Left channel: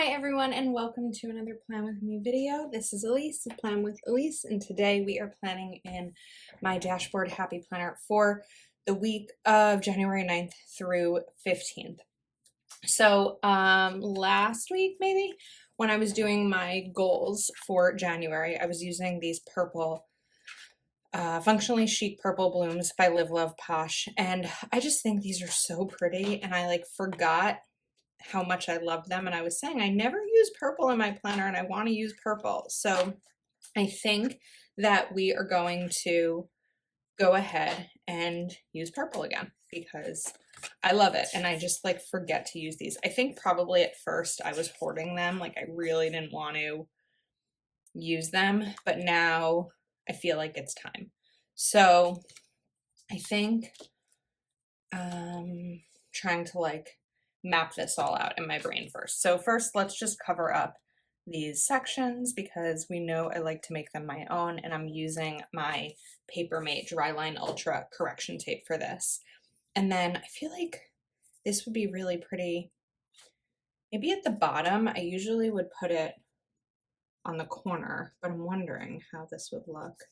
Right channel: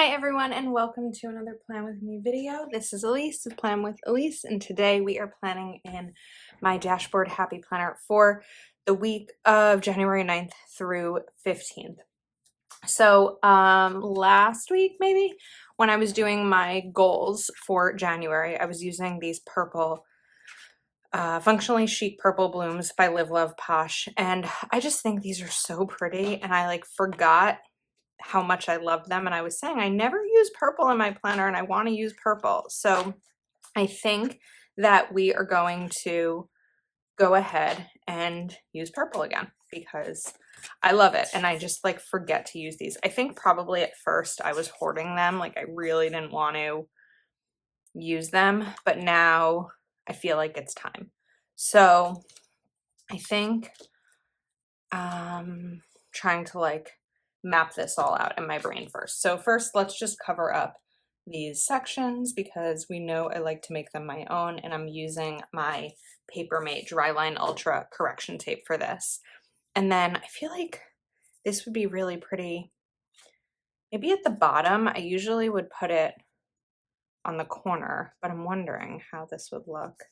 Hi everyone and welcome to another Plan With Me video. This is Elise with Plan With Elise, and today we are planning in my dashboard happy planner for the week of January 9th through 15th. So last week maybe when I was doing my goals for January, I was using these purple Functionally Chic Purple Blooms by Live Love Posh, and I just think these are so pretty, and I forgot how much I love them. And I was saying I never use purple in my planner and I want to use purple. So I think that we are going to go ahead and use purple again because I love it. And I just forget to use these. I think probably at first I was hoarding them. I really didn't want to use them, but now I feel like it's time. So I think trying to map this all out in my brain first. So first, let's just cover up these sections because we know I like to make them my own, and I'm using my Papermate Dryline Ultra correction tape for this. And then I feel like this would be really pretty. Maybe at the bottom, I usually would put it on the corner, but I'm wondering how this would look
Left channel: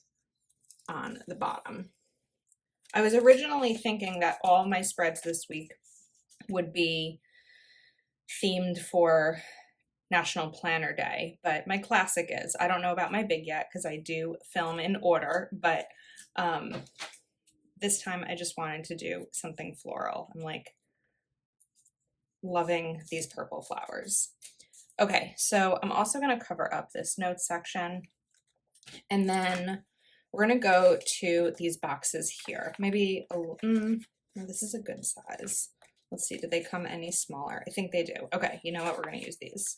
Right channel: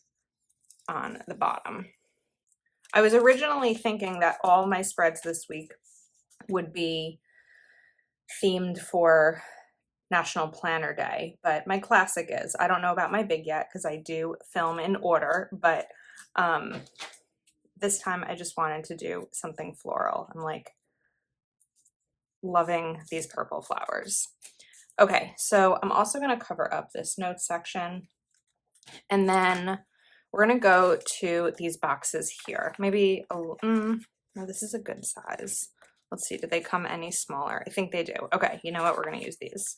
on the bottom. I was originally thinking that all my spreads this week would be themed for National Planner Day, but my classic is. I don't know about my big yet because I do film in order, but this time I just wanted to do something floral. I'm loving these purple flowers. Okay, so I'm also going to cover up this notes section, and then we're going to go to these boxes here. Maybe, no, this is a good size. Let's see, do they come any smaller? I think they do. Okay, you know what? We're going to use these.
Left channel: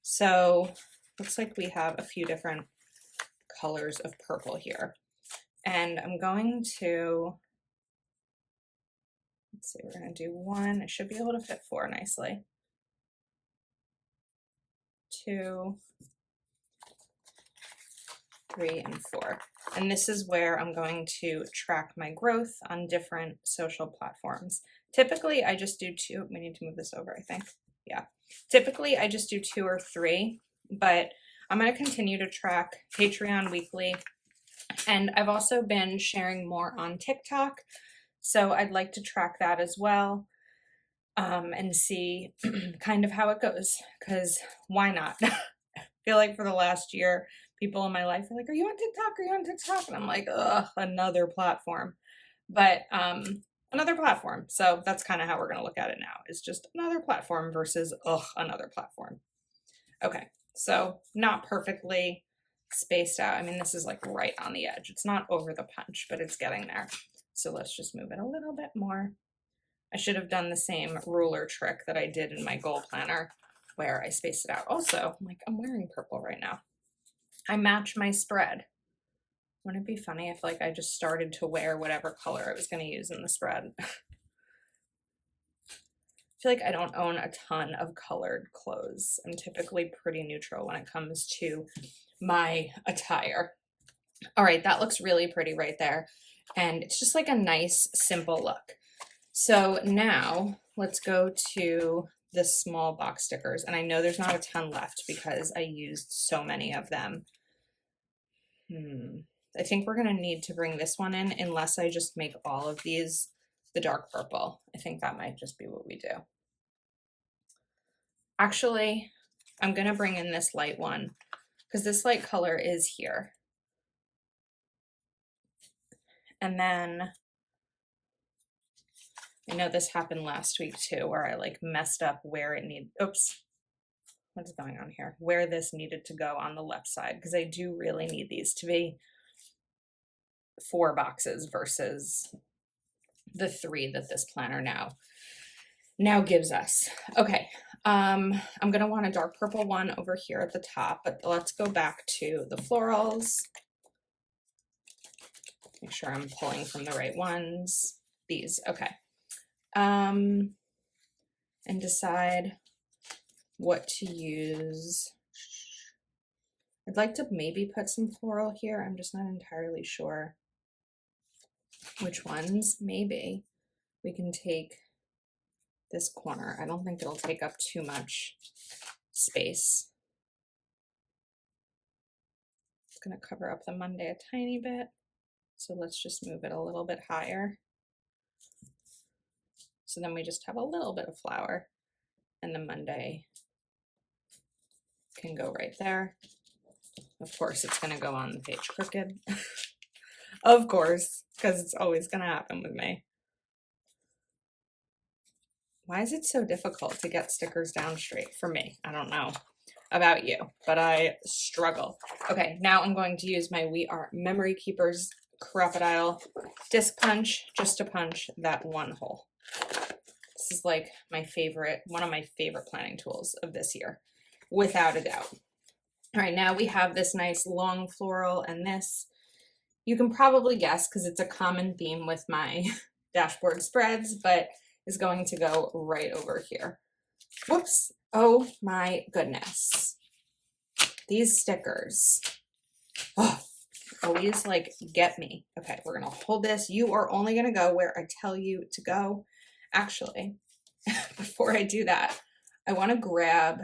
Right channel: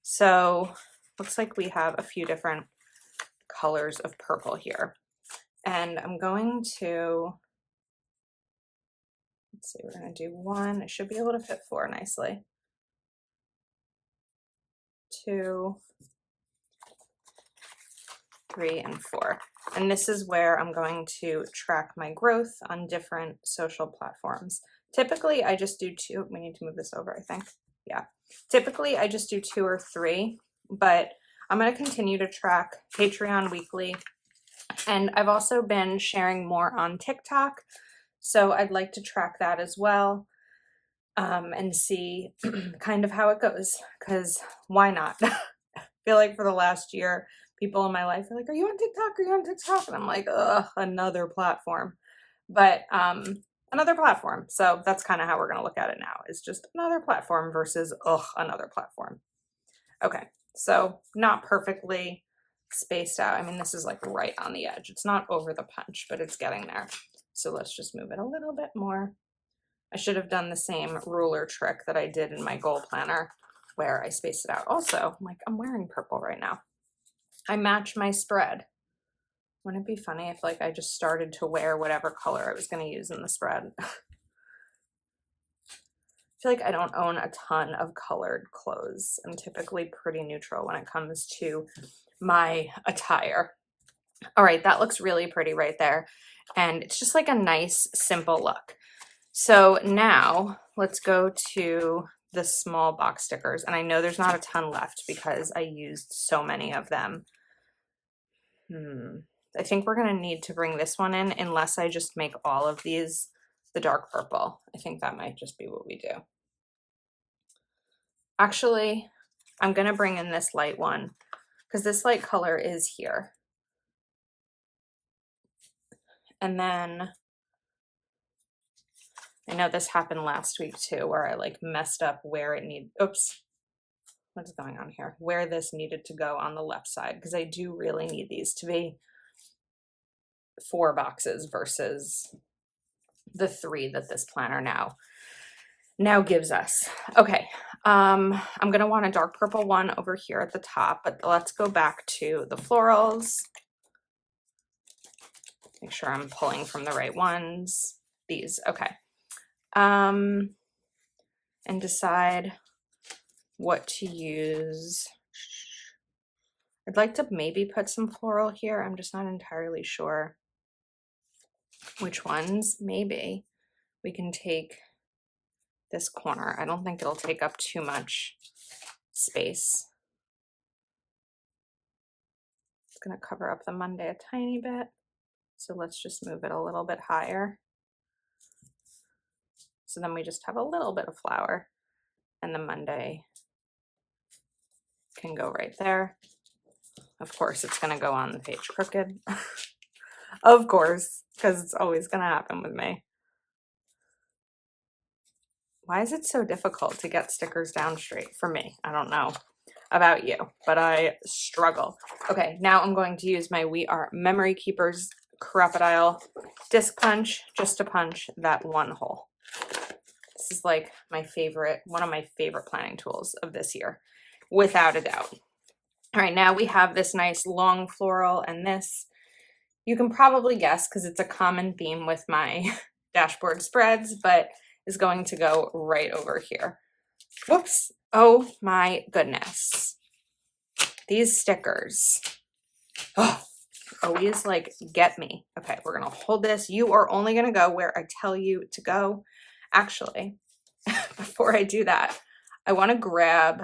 So looks like we have a few different colors of purple here. And I'm going to, let's see, we're going to do one. I should be able to fit four nicely. 2, 3, and 4. And this is where I'm going to track my growth on different social platforms. Typically, I just do 2. We need to move this over, I think. Yeah. Typically, I just do 2 or 3, but I'm going to continue to track Patreon weekly. And I've also been sharing more on TikTok, so I'd like to track that as well and see kind of how it goes, because why not? I feel like for the last year, people in my life are like, are you on TikTok? Are you on TikTok? And I'm like, ugh, another platform. But another platform. So that's kind of how we're going to look at it now, is just another platform versus, ugh, another platform. Okay, so not perfectly spaced out. I mean, this is right on the edge. It's not over the punch, but it's getting there. So let's just move it a little bit more. I should have done the same ruler trick that I did in my goal planner where I spaced it out. Also, I'm wearing purple right now. I match my spread. Wouldn't it be funny if I just started to wear whatever color I was going to use in the spread? I feel like I don't own a ton of colored clothes. I'm typically pretty neutral when it comes to my attire. All right, that looks really pretty right there. And it's just a nice, simple look. So now let's go to the small box stickers. And I know there's not a ton left because I used so many of them. I think we're going to need to bring this one in unless I just make all of these the dark purple. I think that might just be what we do. Actually, I'm going to bring in this light one because this light color is here. And then I know this happened last week too, where I messed up where it needed, oops, what's going on here? Where this needed to go on the left side, because I do really need these to be 4 boxes versus the 3 that this planner now gives us. Okay, I'm gonna want a dark purple one over here at the top, but let's go back to the florals. Make sure I'm pulling from the right ones. These, okay. And decide what to use. I'd like to maybe put some floral here. I'm just not entirely sure which ones. Maybe we can take this corner. I don't think it'll take up too much space. It's going to cover up the Monday a tiny bit. So let's just move it a little bit higher. So then we just have a little bit of flower, and the Monday can go right there. Of course, it's going to go on the page crooked. Of course, because it's always going to happen with me. Why is it so difficult to get stickers down straight for me? I don't know about you, but I struggle. Okay, now I'm going to use my We Are Memory Keepers Crocodile disc punch just to punch that one hole. This is like my favorite, one of my favorite planning tools of this year, without a doubt. All right, now we have this nice long floral, and this, you can probably guess because it's a common theme with my dashboard spreads, but is going to go right over here. Whoops. Oh my goodness. These stickers. Oh, always like get me. Okay, we're going to hold this. You are only going to go where I tell you to go. Actually, before I do that, I want to grab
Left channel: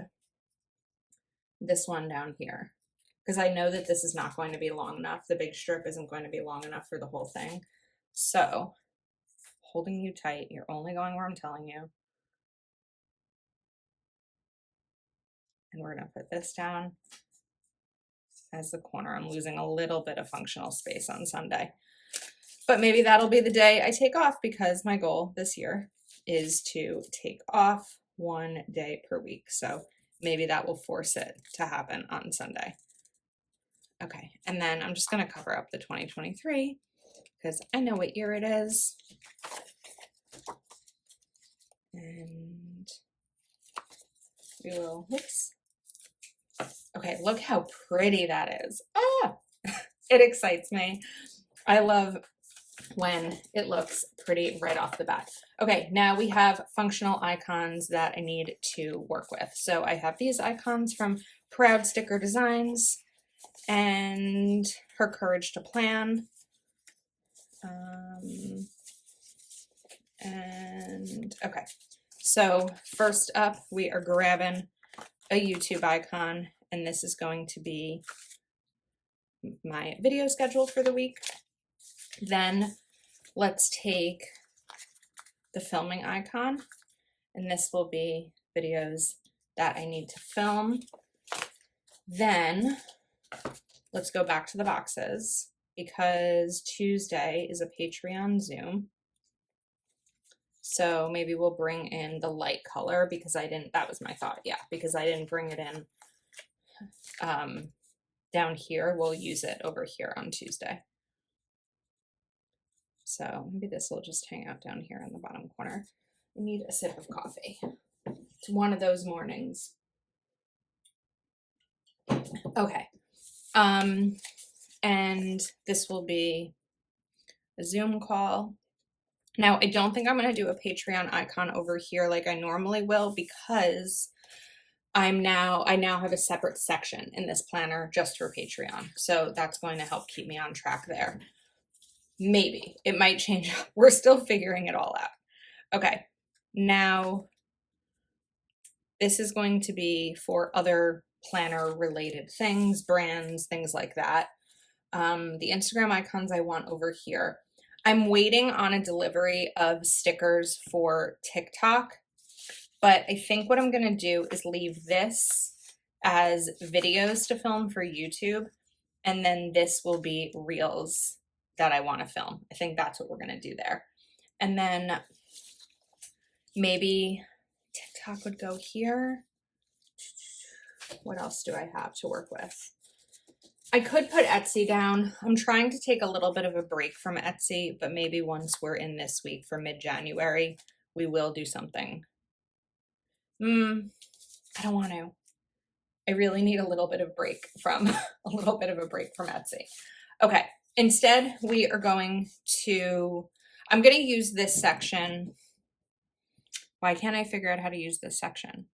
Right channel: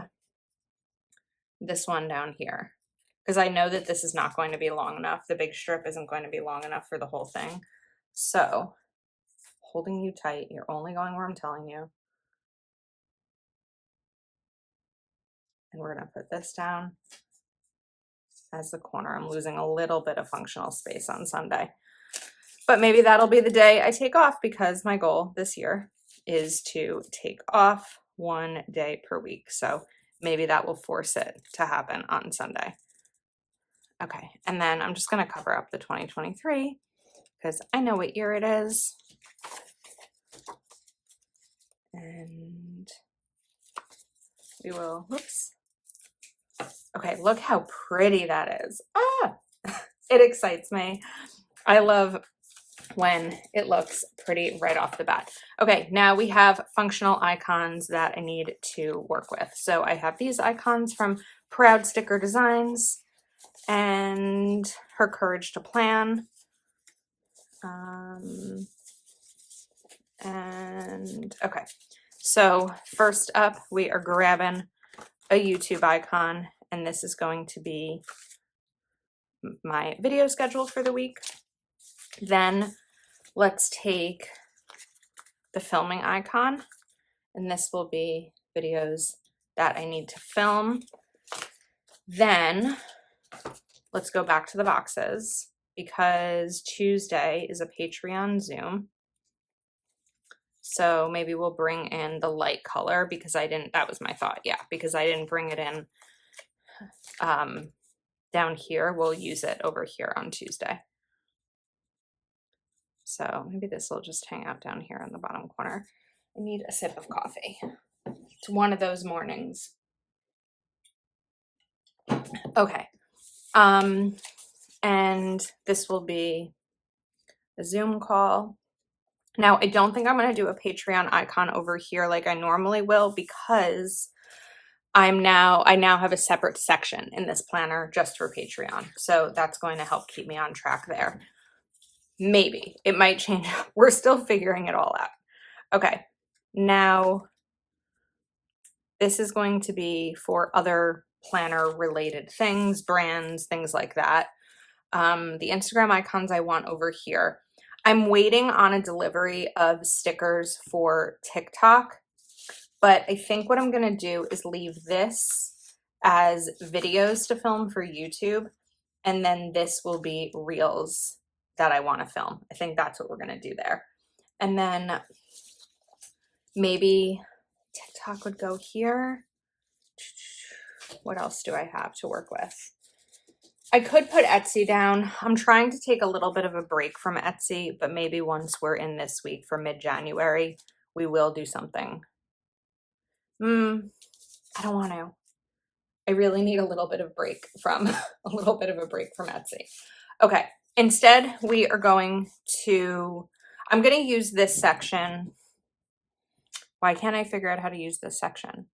this one down here because I know that this is not going to be long enough. The big strip isn't going to be long enough for the whole thing. So, holding you tight, you're only going where I'm telling you. And we're going to put this down as the corner. I'm losing a little bit of functional space on Sunday. But maybe that'll be the day I take off because my goal this year is to take off one day per week. So maybe that will force it to happen on Sunday. Okay, and then I'm just going to cover up the 2023 because I know what year it is. And we will, whoops. Okay, look how pretty that is. Ah, it excites me. I love when it looks pretty right off the bat. Okay, now we have functional icons that I need to work with. So I have these icons from Proud Sticker Designs and Her Courage to Plan. And okay, so first up, we are grabbing a YouTube icon, and this is going to be my video schedule for the week. Then let's take the filming icon, and this will be videos that I need to film. Then let's go back to the boxes because Tuesday is a Patreon Zoom. So maybe we'll bring in the light color because that was my thought. Yeah, because I didn't bring it in down here. We'll use it over here on Tuesday. So maybe this will just hang out down here in the bottom corner. I need a sip of coffee. It's one of those mornings. Okay. And this will be a Zoom call. Now, I don't think I'm going to do a Patreon icon over here like I normally will because I now have a separate section in this planner just for Patreon. So that's going to help keep me on track there. Maybe. It might change. We're still figuring it all out. Okay. Now, this is going to be for other planner related things, brands, things like that. The Instagram icons I want over here. I'm waiting on a delivery of stickers for TikTok, but I think what I'm going to do is leave this as videos to film for YouTube, and then this will be reels that I want to film. I think that's what we're going to do there. And then maybe TikTok would go here. What else do I have to work with? I could put Etsy down. I'm trying to take a little bit of a break from Etsy, but maybe once we're in this week for mid-January, we will do something. I don't want to. I really need a little bit of break from Etsy. Okay. Instead, we are going to, I'm going to use this section. Why can't I figure out how to use this section?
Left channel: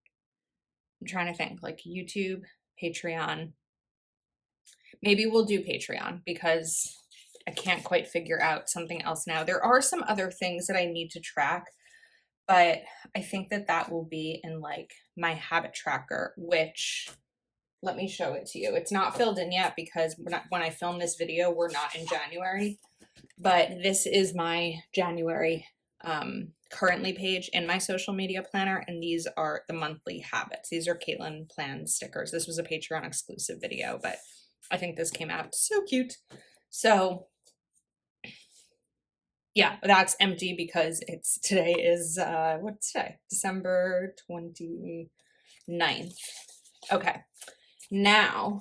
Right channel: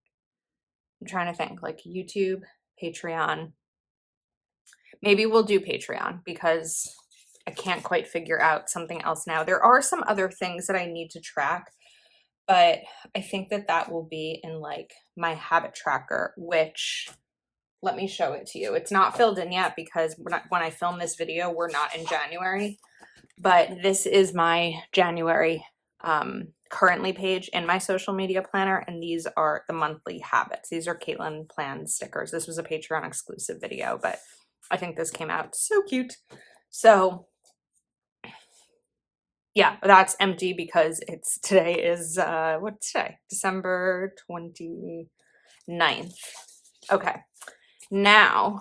I'm trying to think, like YouTube, Patreon. Maybe we'll do Patreon because I can't quite figure out something else now. There are some other things that I need to track, but I think that that will be in like my habit tracker, which let me show it to you. It's not filled in yet because when I film this video, we're not in January, but this is my January currently page in my social media planner, and these are the monthly habits. These are Caitlin Plan stickers. This was a Patreon exclusive video, but I think this came out so cute. So yeah, that's empty because today is what's today? December 29th. Okay. Now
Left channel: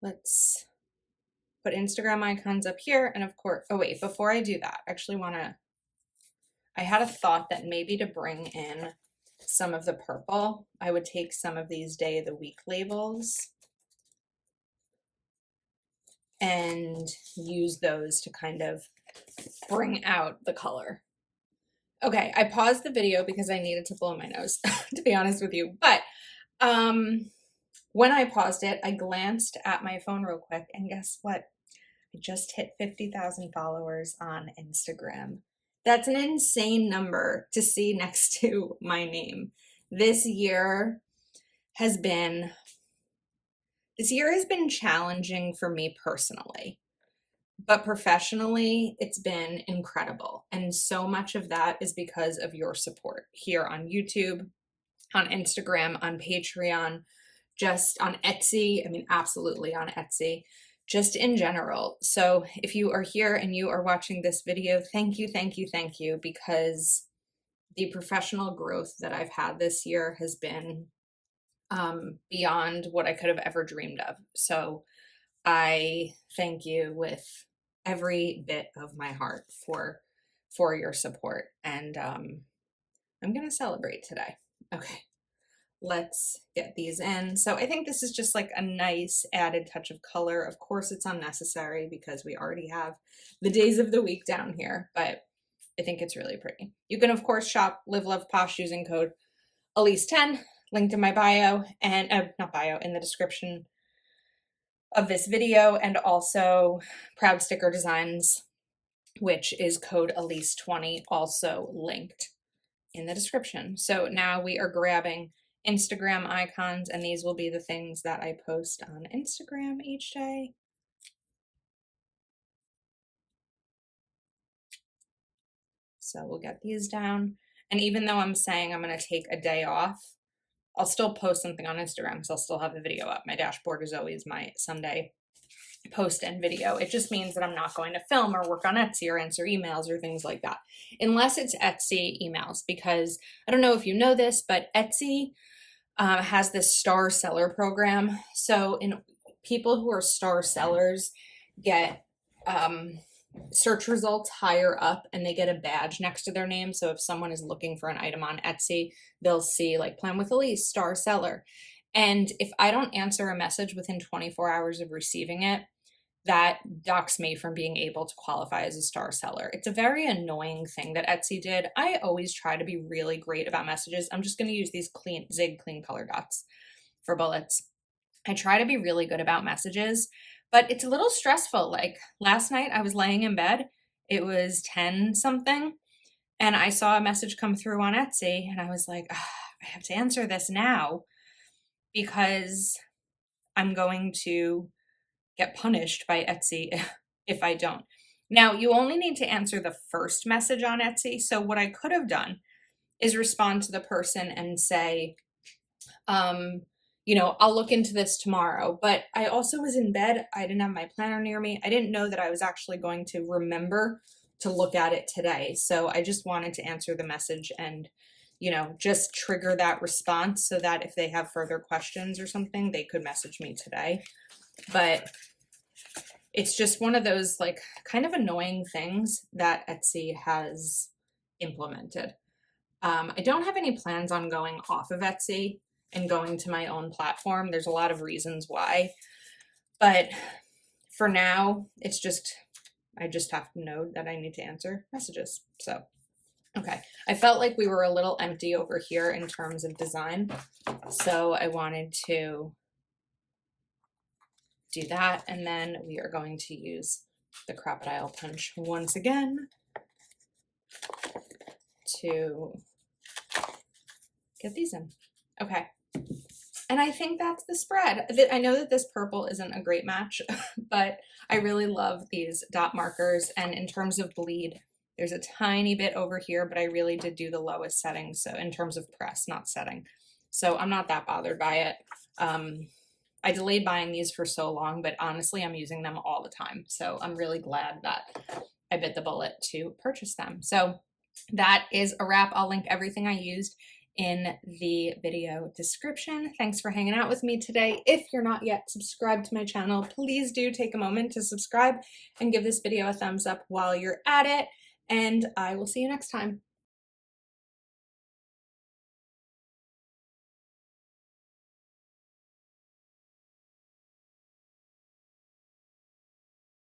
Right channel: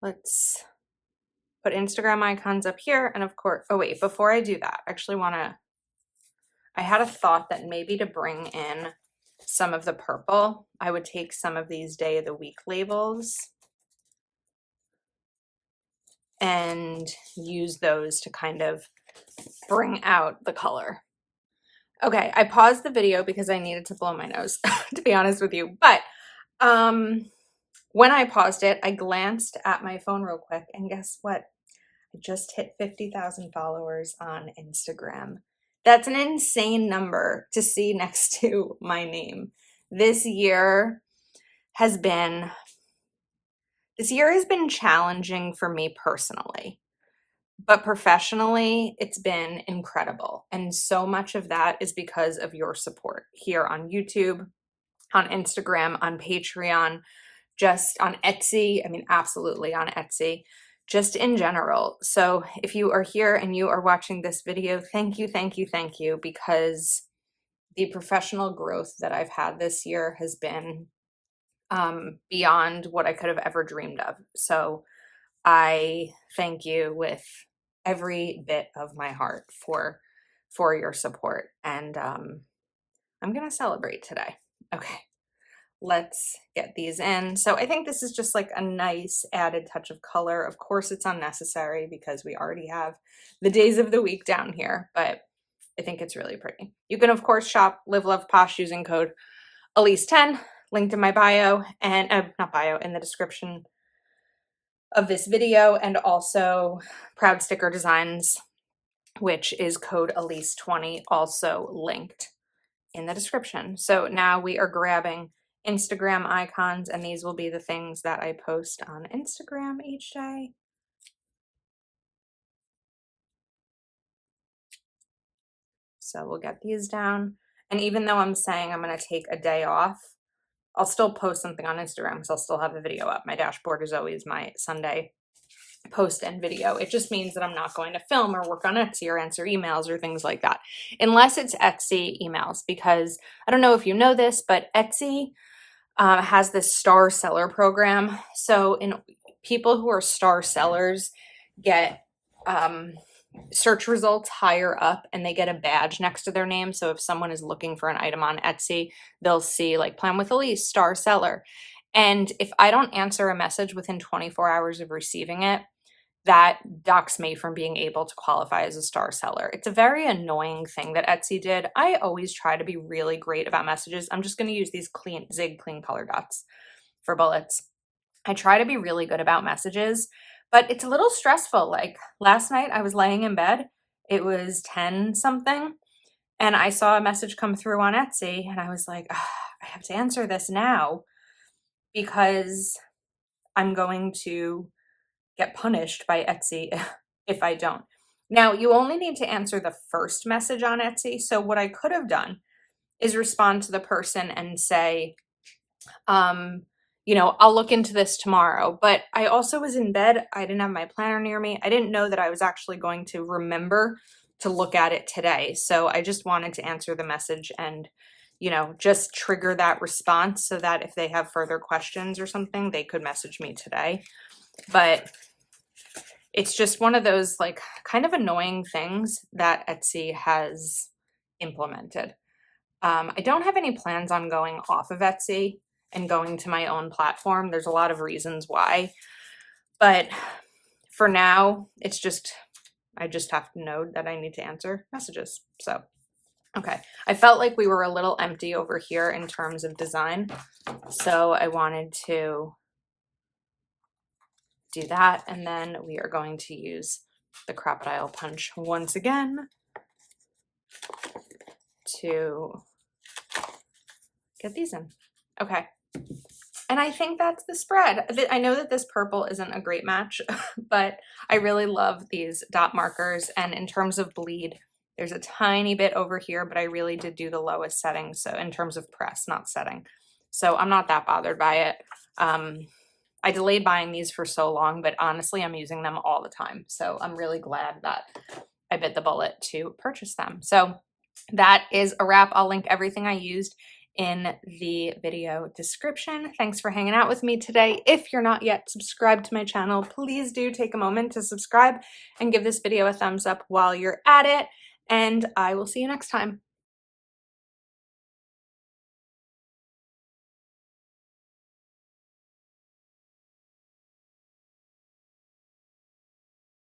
let's put Instagram icons up here, and of course, oh wait, before I do that, I actually I had a thought that maybe to bring in some of the purple, I would take some of these day of the week labels and use those to kind of bring out the color. Okay, I paused the video because I needed to blow my nose, to be honest with you. But when I paused it, I glanced at my phone real quick, and guess what? I just hit 50,000 followers on Instagram. That's an insane number to see next to my name. This year has been challenging for me personally, but professionally, it's been incredible. And so much of that is because of your support here on YouTube, on Instagram, on Patreon, just on Etsy. I mean, absolutely on Etsy, just in general. So if you are here and you are watching this video, thank you, thank you, thank you, because the professional growth that I've had this year has been beyond what I could have ever dreamed of. So I thank you with every bit of my heart for your support, and I'm gonna celebrate today. Okay, let's get these in. So I think this is just like a nice added touch of color. Of course, it's unnecessary because we already have the days of the week down here, but I think it's really pretty. You can, of course, shop Live Love Posh using code Elise10, linked in my bio, and not bio, in the description of this video, and also Proud Sticker Designs, which is code Elise20, also linked in the description. So now we are grabbing Instagram icons, and these will be the things that I post on Instagram each day. So we'll get these down. And even though I'm saying I'm going to take a day off, I'll still post something on Instagram because I'll still have a video up. My dashboard is always my Sunday post and video. It just means that I'm not going to film or work on Etsy or answer emails or things like that, unless it's Etsy emails, because I don't know if you know this, but Etsy has this star seller program. So people who are star sellers get search results higher up, and they get a badge next to their name. So if someone is looking for an item on Etsy, they'll see like Plan with Elise, star seller. And if I don't answer a message within 24 hours of receiving it, that docks me from being able to qualify as a star seller. It's a very annoying thing that Etsy did. I always try to be really great about messages. I'm just going to use these Zig clean color dots for bullets. I try to be really good about messages, but it's a little stressful. Like last night I was laying in bed, it was 10 something, and I saw a message come through on Etsy, and I was like, I have to answer this now because I'm going to get punished by Etsy if I don't. Now, you only need to answer the first message on Etsy. So what I could have done is respond to the person and say, I'll look into this tomorrow. But I also was in bed. I didn't have my planner near me. I didn't know that I was actually going to remember to look at it today. So I just wanted to answer the message and, just trigger that response so that if they have further questions or something, they could message me today. But it's just one of those like kind of annoying things that Etsy has implemented. I don't have any plans on going off of Etsy and going to my own platform. There's a lot of reasons why, but for now, I just have to know that I need to answer messages. So, okay. I felt like we were a little empty over here in terms of design. So I wanted to do that, and then we are going to use the Crocodile Punch once again to get these in. Okay. And I think that's the spread. I know that this purple isn't a great match, but I really love these dot markers. And in terms of bleed, there's a tiny bit over here, but I really did do the lowest setting. So in terms of press, not setting. So I'm not that bothered by it. I delayed buying these for so long, but honestly, I'm using them all the time. So I'm really glad that I bit the bullet to purchase them. So that is a wrap. I'll link everything I used in the video description. Thanks for hanging out with me today. If you're not yet subscribed to my channel, please do take a moment to subscribe and give this video a thumbs up while you're at it. And I will see you next time.